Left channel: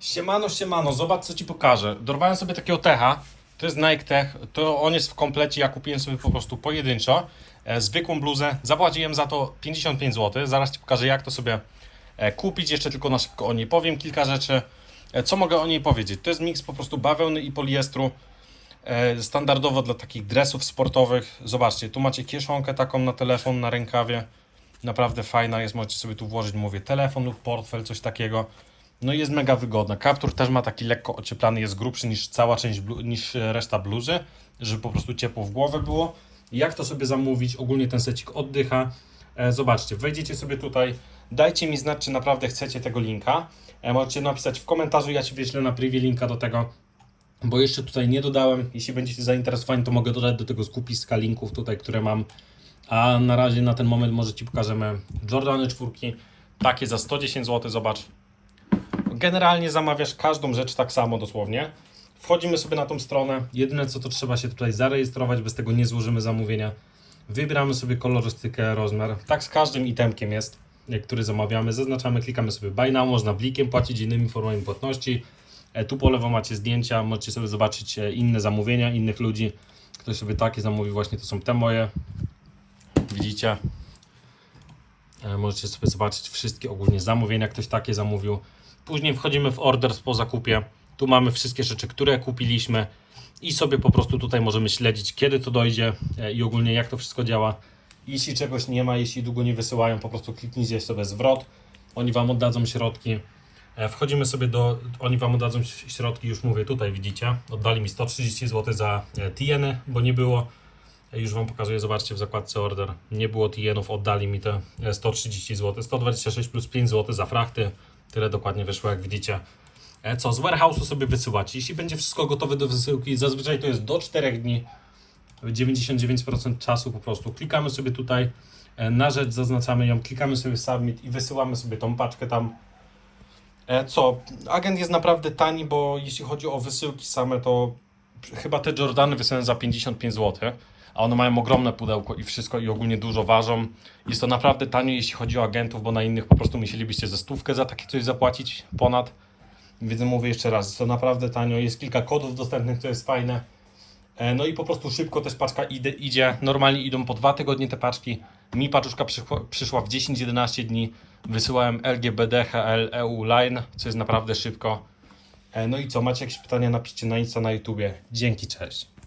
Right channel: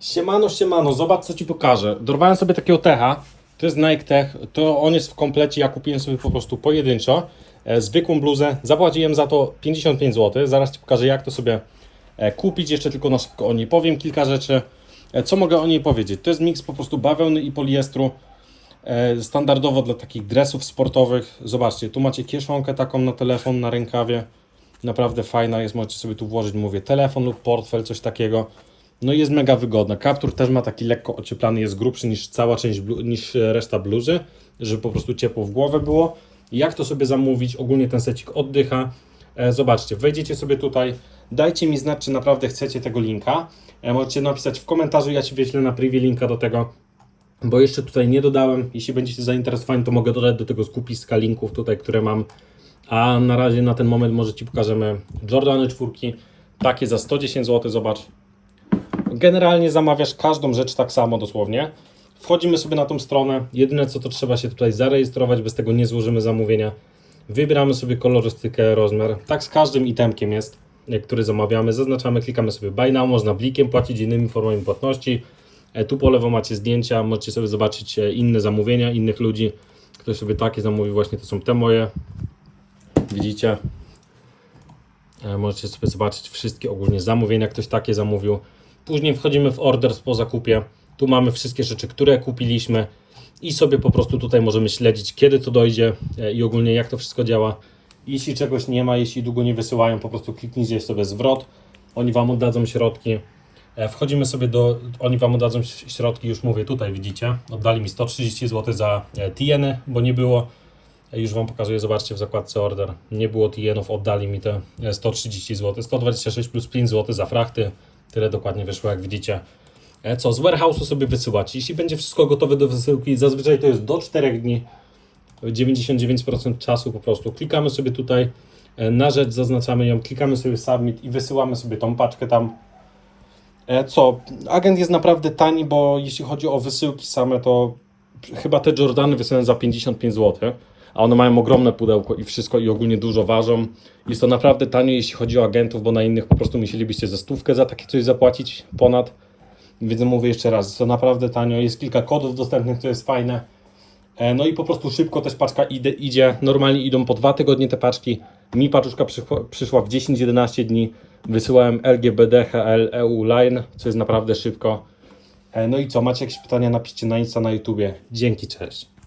Siemano, siemano, zobacz co ci pokażę. Dorwałem sobie takiego techa. To jest Nike Tech. To on jest w komplecie. Ja kupiłem sobie po prostu pojedynczo. E, zwykłą bluzę. Zapłaciłem za to 55 zł. Zaraz ci pokażę jak to sobie e, kupić. Jeszcze tylko na szybko o niej powiem kilka rzeczy. E, co mogę o niej powiedzieć? To jest miks po prostu bawełny i poliestru. E, standardowo dla takich dresów sportowych. Zobaczcie, tu macie kieszonkę taką na telefon, na rękawie. Naprawdę fajna jest, możecie sobie tu włożyć, mówię, telefon lub portfel, coś takiego. No i jest mega wygodna. Kaptur też ma taki lekko ocieplany, jest grubszy niż cała część, niż e, reszta bluzy, żeby po prostu ciepło w głowę było. Jak to sobie zamówić? Ogólnie ten secik oddycha. E, zobaczcie, wejdziecie sobie tutaj, dajcie mi znać, czy naprawdę chcecie tego linka. E, możecie napisać w komentarzu, ja Ci wyślę na privie linka do tego, bo jeszcze tutaj nie dodałem. Jeśli będziecie zainteresowani, to mogę dodać do tego skupiska linków tutaj, które mam. A na razie na ten moment może Ci pokażemy Jordany czwórki, takie za 110 zł, zobacz. Generalnie zamawiasz każdą rzecz tak samo dosłownie. Wchodzimy sobie na tą stronę. Jedyne co to trzeba się tutaj zarejestrować, bez tego nie złożymy zamówienia. Wybieramy sobie kolorystykę, rozmiar. Tak z każdym itemkiem jest, który zamawiamy. Zaznaczamy, klikamy sobie buy now, można blikiem płacić innymi formami płatności. E, Tu po lewo macie zdjęcia, możecie sobie zobaczyć e, inne zamówienia innych ludzi. Ktoś sobie takie zamówił, właśnie to są te moje. Widzicie? E, Możecie sobie zobaczyć wszystkie ogólnie zamówienia, ktoś takie zamówił. Później wchodzimy w order po zakupie. Tu mamy wszystkie rzeczy, które kupiliśmy i sobie po prostu tutaj możemy śledzić, kiedy to dojdzie e, i ogólnie jak to wszystko działa. Jeśli czegoś nie ma, jeśli długo nie wysyłają, po prostu kliknijcie sobie zwrot. Oni Wam oddadzą środki. E, Wchodzimy sobie do, oni Wam oddadzą środki, już mówię, tutaj widzicie. Oddali mi 130 zł za e, TN, bo nie było. Już Wam pokazuję, zobaczcie w zakładce order. Nie było TN-ów, oddali mi te e, 130 zł. 126 plus 5 zł za frachty. Tyle dokładnie wyszło, jak widzicie. E, Co, z warehouse'u sobie wysyłać. Jeśli będzie wszystko gotowe do wysyłki, zazwyczaj to jest do 4 dni. 99% czasu po prostu. Klikamy sobie tutaj e, na rzecz, zaznaczamy ją, klikamy sobie submit i wysyłamy sobie tą paczkę tam. E, Co? Agent jest naprawdę tani, bo jeśli chodzi o wysyłki same, to chyba te Jordany wysyłałem za 55 zł, a one mają ogromne pudełko i wszystko i ogólnie dużo ważą. Jest to naprawdę tanio, jeśli chodzi o agentów, bo na innych po prostu musielibyście ze stówkę za takie coś zapłacić ponad. Więc mówię jeszcze raz, jest to naprawdę tanio. Jest kilka kodów dostępnych, co jest fajne. E, No i po prostu szybko też paczka idzie, idzie. Normalnie idą po dwa tygodnie te paczki. Mi paczuszka przyszła, przyszła w 10-11 dni. Wysyłałem LGBT, HL, EU Line, co jest naprawdę szybko. E, No i co, macie jakieś pytania, napiszcie na Insta, na YouTubie. Dzięki, cześć.